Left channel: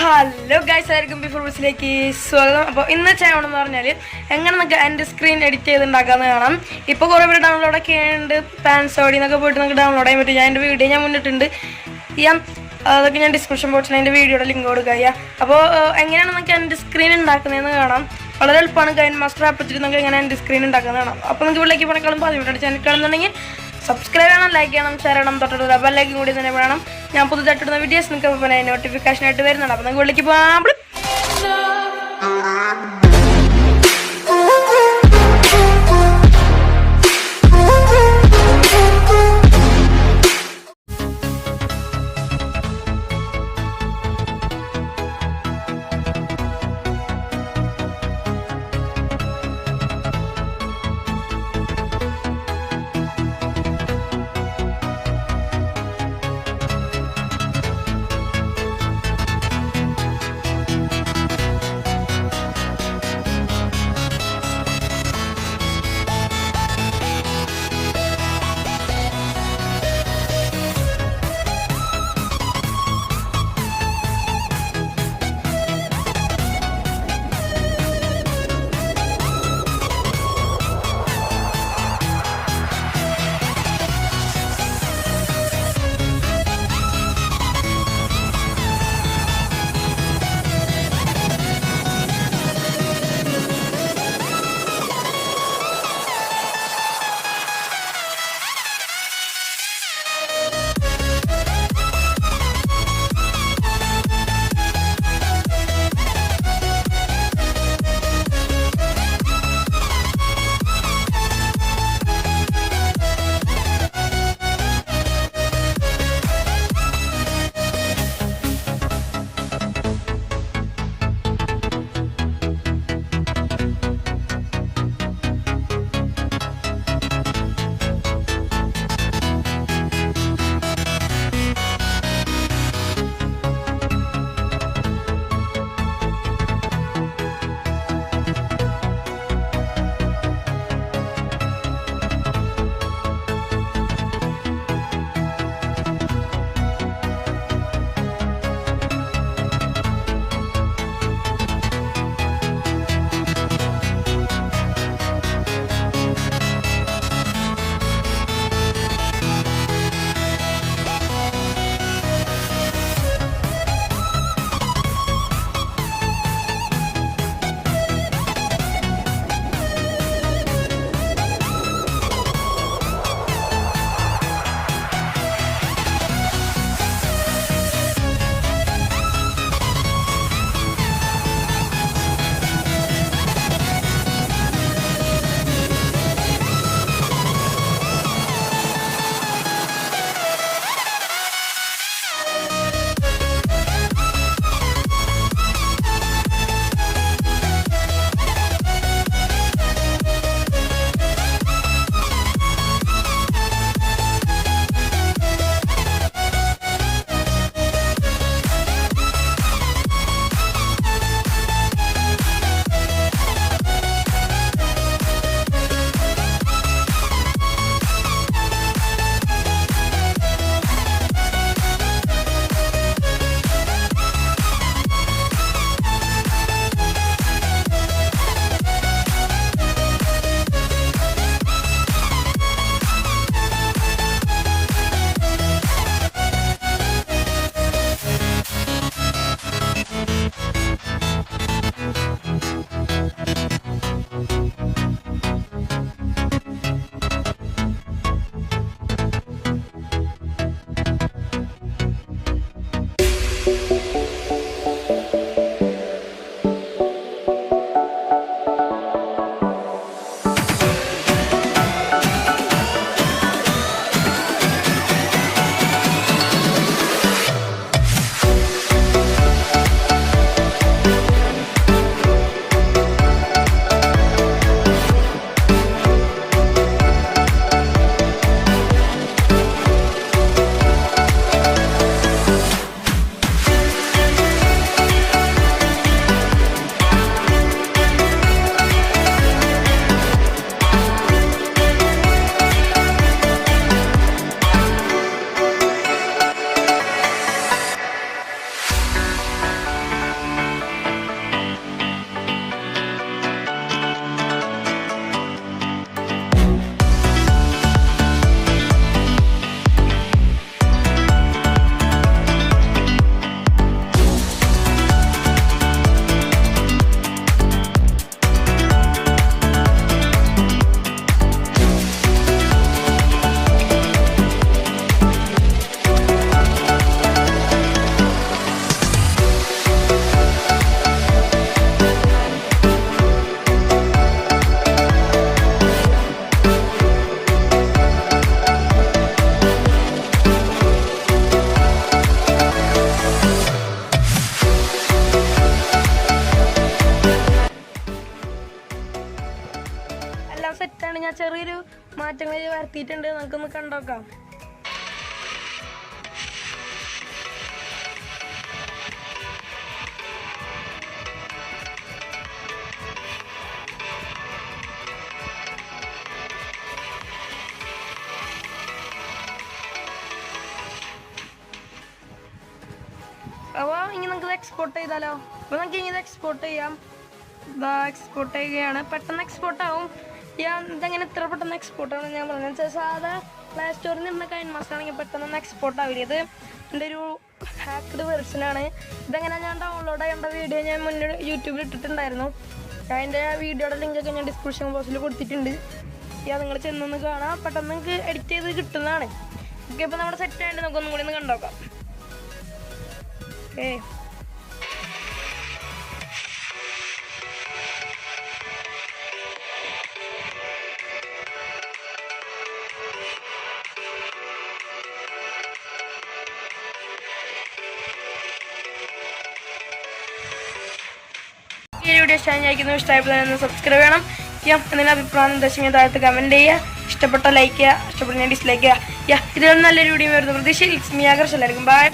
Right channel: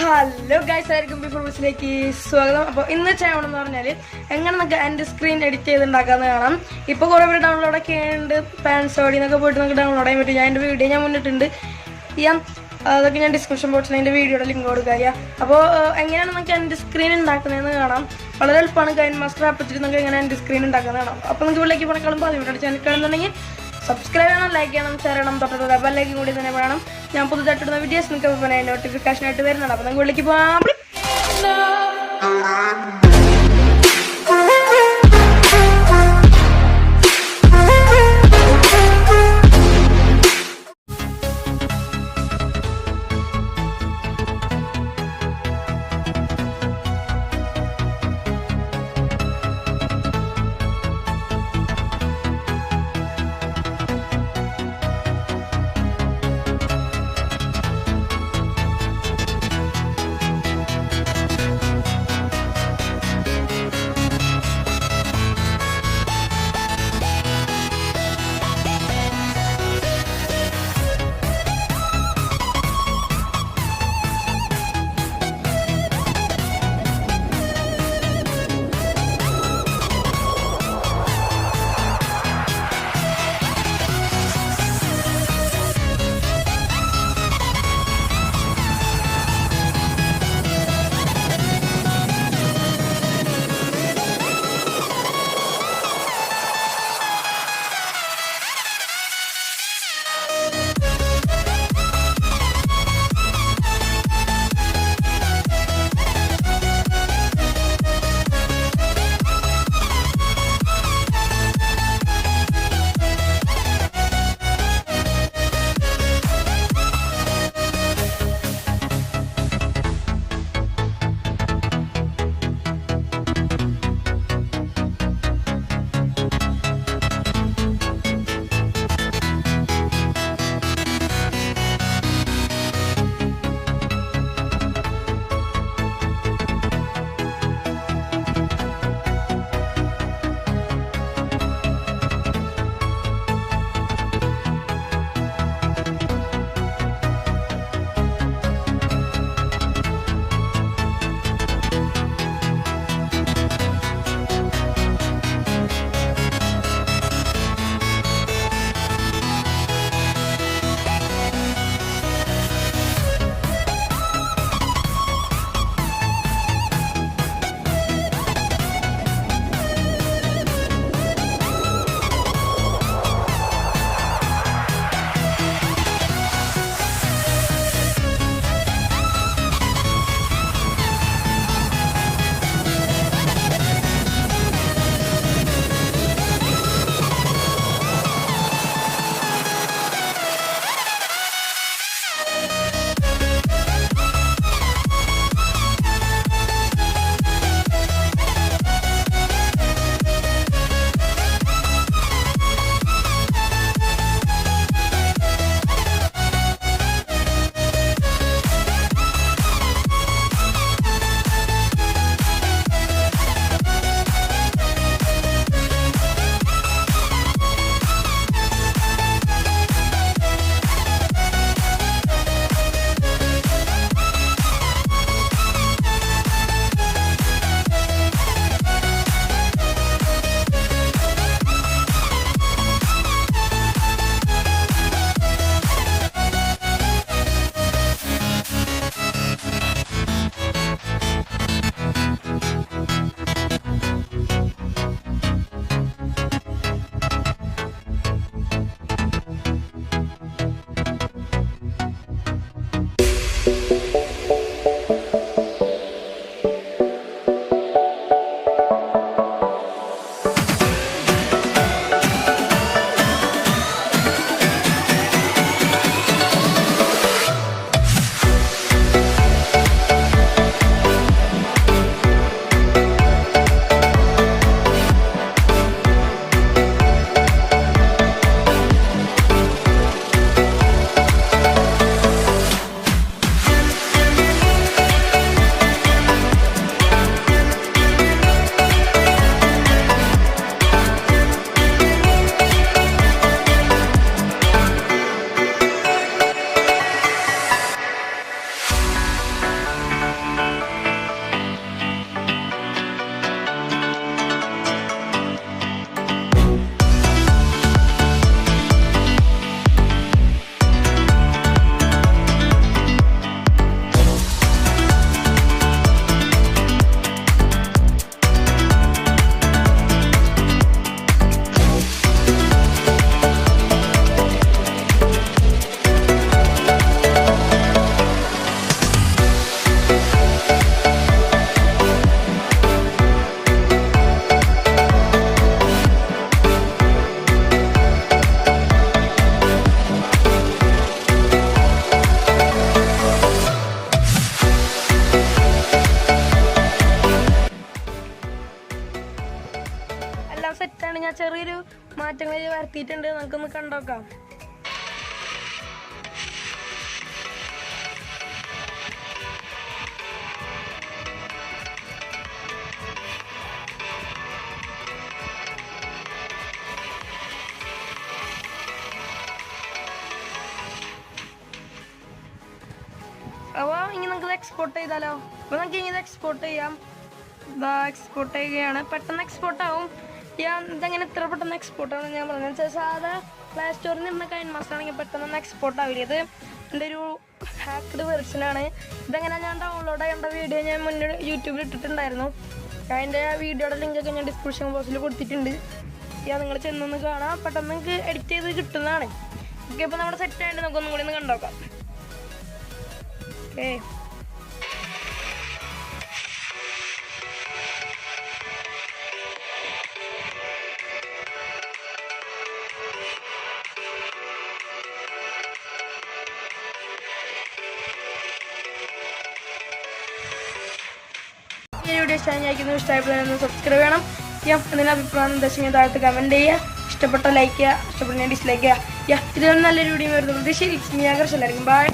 Hello guys, എല്ലാവർക്കും before ബിസിലേക്ക് സ്വാഗതം. അപ്പോൾ ഇന്ന് ചെയ്യണമെന്ന് പറഞ്ഞാൽ എങ്ങനെ നമുക്ക് എൻ്റെ സ്ക്രീൻ എഡിറ്റ് ചെയ്തുണ്ടാക്കാമെന്ന് കാണാം. ഇപ്പോൾ കുറേ പേര് ഡൗൺലോഡൊക്കെ ഉണ്ട്, പാൻസോടി എന്നൊക്കെ പോയിട്ട് നമുക്ക് ഡൗൺലോഡ് ചെയ്യാൻ പറ്റും. ഞാൻ എൻ്റെ വീഡിയോ ഞാൻ മുന്നിട്ടുണ്ട് ചെയ്യാം, അതൊക്കെ ഞാൻ ഡിസ്ക്രിപ്ഷൻ ബോക്സിൽ എൻ്റെ വീഡിയോയുടെ ലിങ്ക് കൊടുക്കുക ചെയ്യാം. അപ്പോൾ എങ്ങനെയാണ് നമുക്ക് എൻ്റെ സ്ക്രീൻ ഉണ്ടാക്കുന്നതെന്ന് കാണാം. വളരെ എളുപ്പമാണ്. കൈൻമാസ്റ്റർ ആപ്പ് വെച്ചിട്ട് നമുക്ക് എങ്ങനെ എൻ്റെ സ്ക്രീൻ ഉണ്ടാക്കുന്നത് കാണാം. അപ്പോൾ നിങ്ങൾക്ക് വീട്ടിലേക്ക് പോകണേക്കാളും 10 മിനിറ്റ് ചാനൽ കാണുന്നുണ്ടെങ്കിൽ സബ്സ്ക്രൈബ് ചെയ്യണം, ലൈക്ക് ചെയ്യണം, ഷെയർ ചെയ്യണം, തൊട്ടുള്ള ബെല്ലൈക്കും കൂടി തന്നെ വേണം. ഞാൻ പുതുതായിട്ടിടുന്ന വീഡിയോസ് നിങ്ങൾക്ക് നോട്ടിഫിക്കേഷൻ ആയിട്ട് വരുന്നുണ്ട്. അപ്പോൾ നിങ്ങൾക്ക് വിളിക്ക് പോകാം. വേണ്ടിയിട്ട് ഞാൻ ചെറിയൊരു മാറ്റങ്ങൾ വരുത്തിയിട്ടുണ്ട്. നമുക്കൊന്ന് കണ്ടോക്കാം. അപ്പോൾ ഇനി നമുക്ക് എക്സ്പോർട്ട് ചെയ്താലോ? അപ്പോൾ നമുക്ക് ഇനി ഇത് എക്സ്പോർട്ട് ചെയ്യാം. ഇതാ എക്സ്പോർട്ട് ചെയ്യുകയാണ്. പെട്ടെന്ന് എക്സ്പോർട്ട് ആവും. ഇതെങ്ങനെ ഇത്ര പെട്ടെന്ന് എക്സ്പോർട്ട് ആവുമെന്ന് ഞാൻ പറഞ്ഞു. സാധാ പ്ലേ സ്റ്റോറിൽ നിന്ന് കൈൻമാസ്റ്റർ ആണെങ്കിൽ പെട്ടെന്ന് എക്സ്പോർട്ട് ആവില്ല. ഇത് എൻ്റെ ഒരു ഹാക്ക്ഡ് വെർഷനാണ്. ഇതെങ്ങനെ ഞാൻ ഡൗൺലോഡ് ചെയ്യേണ്ട വീഡിയോ ഞാൻ മുന്നേ യൂട്യൂബിൽ ഇട്ടിട്ടുണ്ടായിരുന്നു. അതിൻ്റെ വീഡിയോയുടെ ലിങ്കൊക്കെ ഞാൻ ഡിസ്ക്രിപ്ഷൻ ബോക്സിൽ കൊടുത്തിട്ടുണ്ട്. നിങ്ങൾ ചെന്നൊന്ന് കാണാം. പെട്ടെന്ന് നിങ്ങൾക്ക് എഡിറ്റ് ചെയ്ത് കിട്ടുന്നതാണ്. ഓക്കെ, ഇപ്പോൾ നമ്മുടെ സെറ്റ് ആയിട്ട് നമുക്കൊന്നും കൂടി ഒന്ന് കണ്ടോക്കാം. ഓക്കെ, ഈ വീഡിയോ ഇഷ്ടമായപ്പോൾ സബ്സ്ക്രൈബ് ചെയ്യണം. എന്തെങ്കിലും അഭിപ്രായം നിർദ്ദേശങ്ങൾ താഴത്ത് കമൻറ്റ് ചെയ്യുക. ഇഷ്ടപ്പെട്ട ലൈക്ക് ചെയ്യുക, ഇഷ്ടപ്പെട്ട ഡിസ്ലൈക്ക് ചെയ്യുക. ഇതിലും നല്ലൊരു വീഡിയോ വരുന്ന പ്രതീക്ഷ. ഇറ്റ്സ് മീ ആകർഷ്. എല്ലാവർക്കും ബൈ.